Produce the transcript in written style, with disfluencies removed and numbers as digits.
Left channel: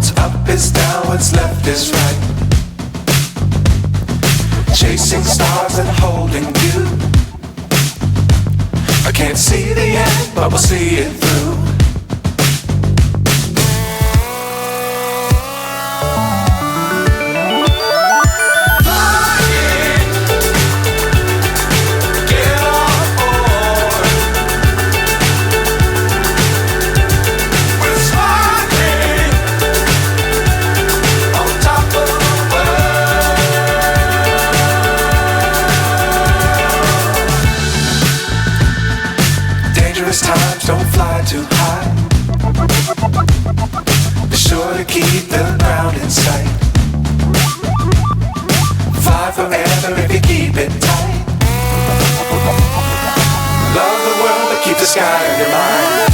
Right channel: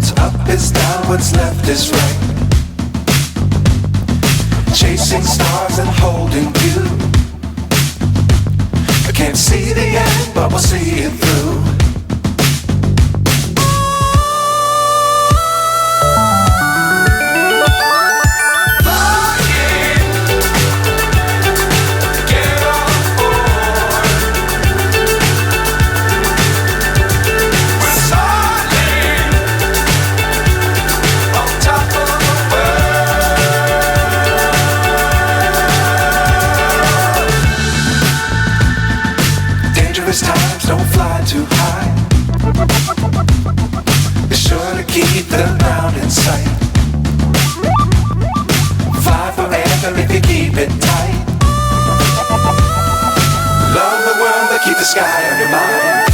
What's up is down, what's left is right. Chasing stars and holding you. I can't see the end, but we'll see it through. Times don't fly too high. Be sure to keep the ground in sight. Fly forever if you keep it tight. Love the world but keep the sky on your mind.